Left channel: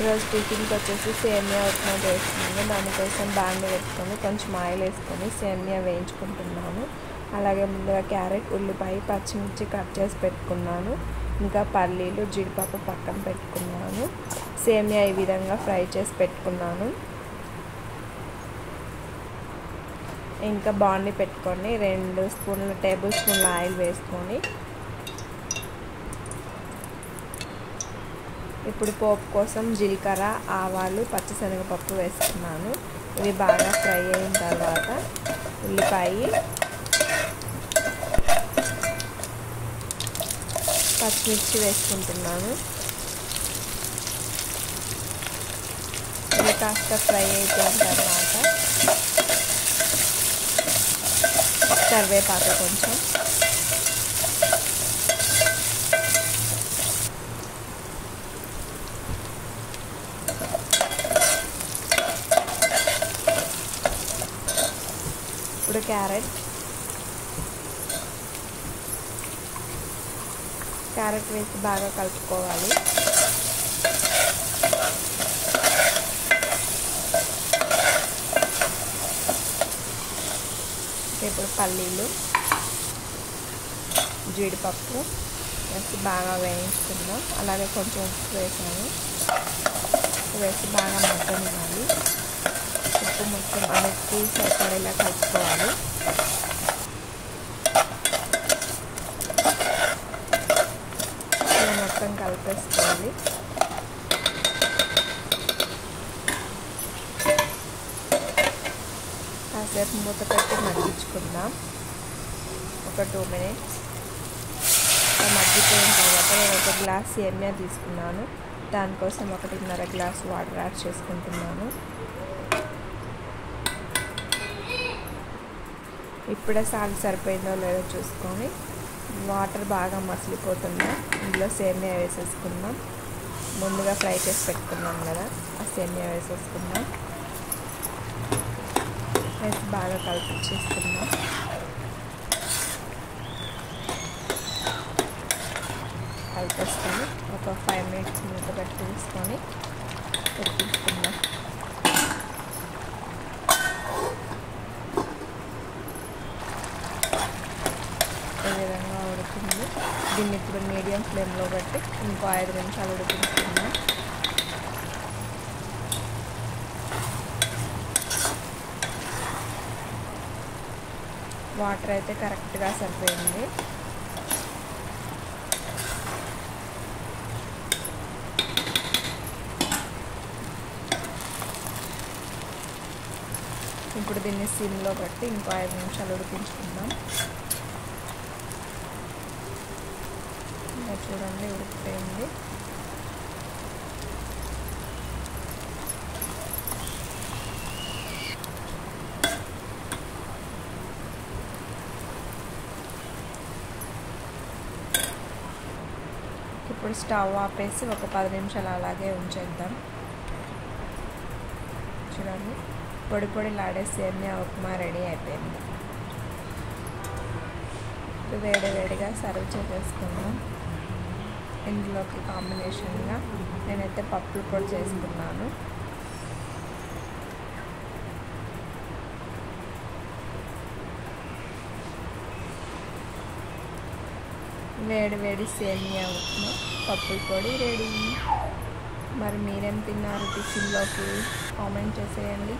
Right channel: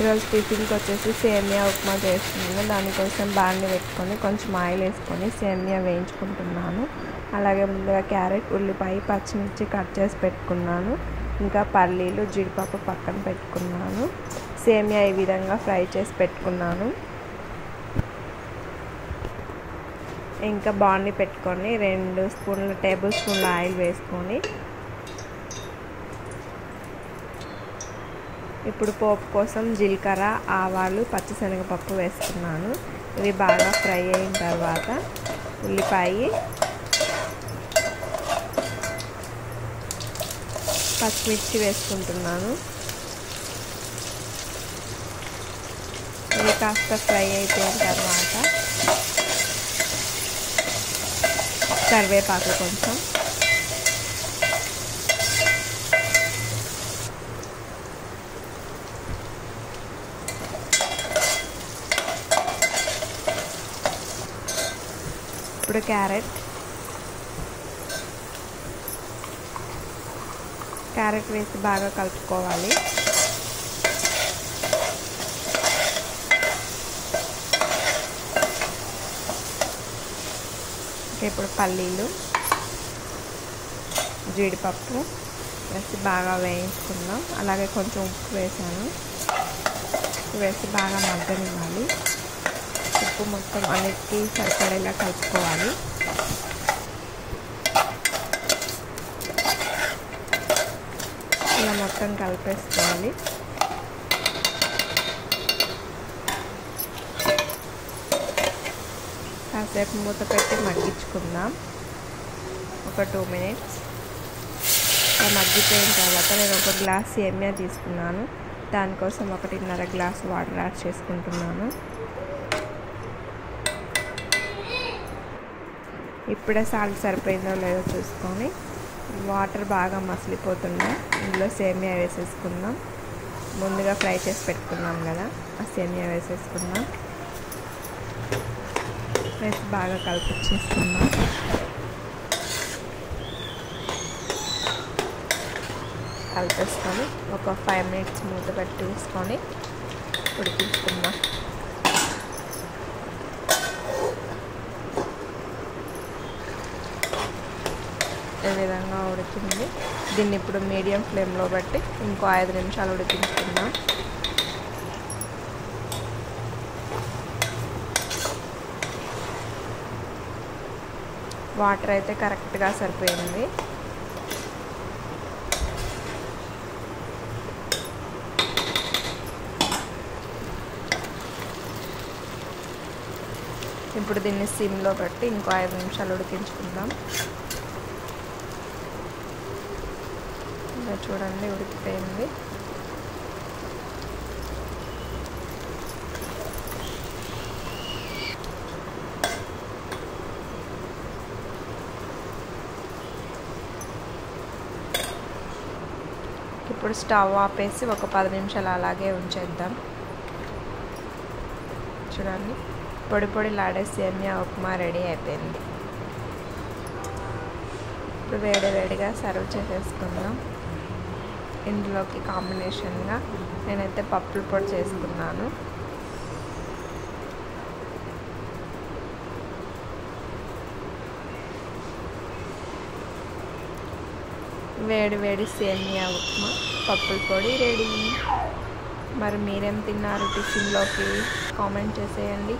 ఈరోజు టిఫిన్కి వచ్చేసి సేమియా ఉప్మా చేస్తున్నాను. దానికోసం బాండి పెట్టుకొని కొంచెం ఆయిల్ వేసుకొని సేమియా వేయించుకుంటున్నాను. అలాగే ముందుగా క్యారెట్, ఉల్లిపాయ, పచ్చిమిర్చి కట్ చేసి పెట్టుకున్నాను. ఇంకా పల్లీలు, జీడిపప్పు పక్కన పెట్టుకున్నాను. సేమియా ఈ విధంగా ఫ్రై చేసి పెట్టుకున్నాను. ఇంకా బాండి పెట్టుకొని 2 టేబుల్ స్పూన్ల ఆయిల్ వేసుకొని ఇప్పుడు పోపు కోసం జీలకర్ర, ఆవాలు, పచ్చిశనగపప్పు వేసుకున్నాను. ఇవి బాగా ఫ్రై అయిన తర్వాత ఉల్లిపాయ, పచ్చిమిర్చి వేసుకుంటున్నాను. ఇవి కాస్త ఫ్రై అయిపోయిన తర్వాత కరివేపాకు కొంచెం, ఇప్పుడు క్యారెట్ వేసి బాగా కలుపుకోవాలి. ఇప్పుడు పల్లీలు, జీడిపప్పు వేసి బాగా వేయించుకుందాం. అలాగే కొంచెం ఉప్పు వేసాను. వేసి బాగా మగ్గనివ్వాలి. ఉప్పు మొత్తం అన్నిటికీ సరిపడేలా కలుపుకోవాలి. ఇలా మొత్తం కలిపేసుకోవాలి. కాసేపు మూత పెట్టి మగ్గించుకుందాం. ఒక 2 మినిట్స్ మగ్గిపోయిన తర్వాత నేను ఒక గ్లాస్ సేమియా తీసుకున్నాను. దానికోసం 1.5 గ్లాస్ వాటర్ యాడ్ చేసుకుంటున్నాను. ఇప్పుడే సాల్ట్ సరిపోయిందో లేదో చూసుకొని వాటర్ బాగా మసిలిపోతున్నాయి. ఇందులో సేమియా వేసేసుకుందాం. ముందుగా ఫ్రై చేసి పెట్టుకున్నాం కదా, ఆ సేమియా వేసేసుకుందాం. వేసి బాగా కలిపించేసుకుందాం. కలిపేసుకొని ఒక 5 మినిట్స్ మూత పెట్టి తీసుకొని ఉడికించుకుందాం. ఈ విధంగా ఉడికింది. దీన్ని ఇప్పుడు మీడియం ఫ్లేమ్లో పెట్టి ఇంకో 5 నిమిషాలు ఉడికించుకుందాం. వాటర్ అయితే కరెక్ట్గా సరిపోయింది. ఇప్పుడు దీన్ని సిమ్లో పెట్టి ఇంకో 5 నిమిషాలు ఉడికించుకుందాం. చూడండి ఉడికిపోయింది. ఇప్పుడు స్టవ్ ఆపేసి ఒక 10 నిమిషాలు అలాగే ఉంచేద్దాం. చూడండి పొడి పొడిలాడే సేమియా ఉప్మా రెడీ అయిపోయింది. ఇప్పుడు వేడిగా సర్వ్ చేసేసుకుందాం. ఇందులోకి కాంబినేషన్గా నేనైతే పప్పుల పొడి చేసుకున్నాను. వేడి సేమియా ఉప్మా, పప్పుల పొడి రెడీ. మరి మీరేం తిన్నారు టిఫిన్లోకి? కామెంట్ చేసేయండి.